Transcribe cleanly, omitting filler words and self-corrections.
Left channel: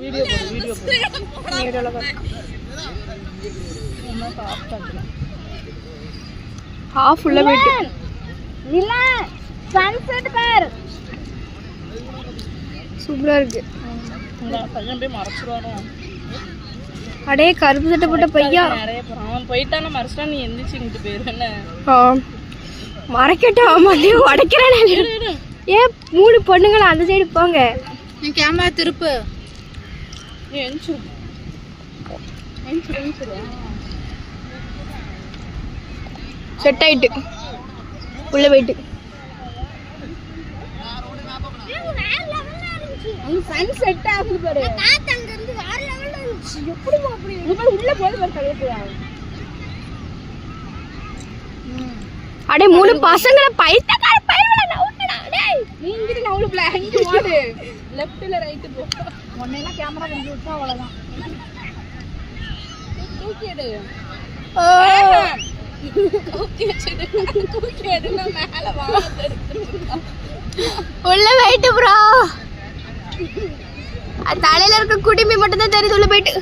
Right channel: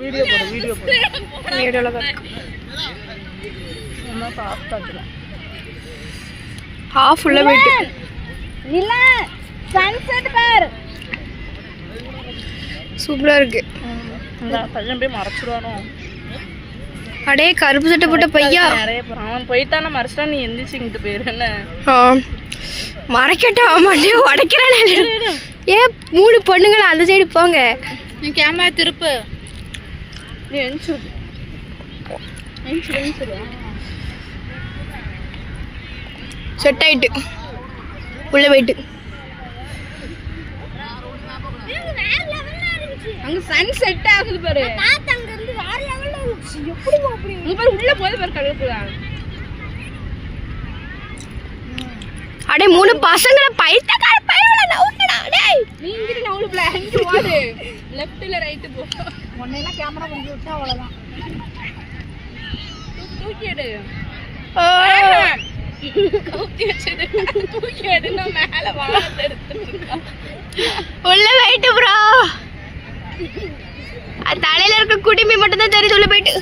வீடியோல ஹாஃப் உள்ள போயிட்டு இல்ல சன்செட் பார் சூப்பரா இருக்கு. இந்த பையன் போய் மறைச்சிருவானோ. அடே கருப்பு சட்டை போட்ட பையா அவன் போயிட்டான மறைச்சா நீ எந்திரிச்சுட்டு போயிரு. என்ன மறைக்கட்டும் அவன் உடைக்கிறானே. ஏன் 3 பொண்ணுங்களா அந்த சைடு போங்க. நீ கேமரா திருப்பு. நீ எந்திரிச்சு செட் ஆயிட்டு உள்ள போயிட்டு அங்க சன் செட் ஆகுது பாரு. பாத்து அங்க இருந்து வேற லெவல்ல இருந்துச்சு. எப்படி போறீங்க? இங்க பாரு உள்ள போய் பாரு கழுகுறா. அடே 3 பசங்கள பைத்தக்கார பையல நவுட்டடா. டேய் நீ இங்க நவுளப்ல அங்க ஓடு. லெஃப்ட்ல ரைட் போ. உன்னையெல்லாம் கேமரா கொஞ்சம் விட்டா அவ்வளவுதான். தூக்கி எடு. தூக்கி எடு நான் மேல வாளை எடுத்து. உள்ள போயிட்டு ப்ரோ. தலையில இருக்க குடிமி மட்டும் தான் தெரியுது. உள்ள போயிட்டு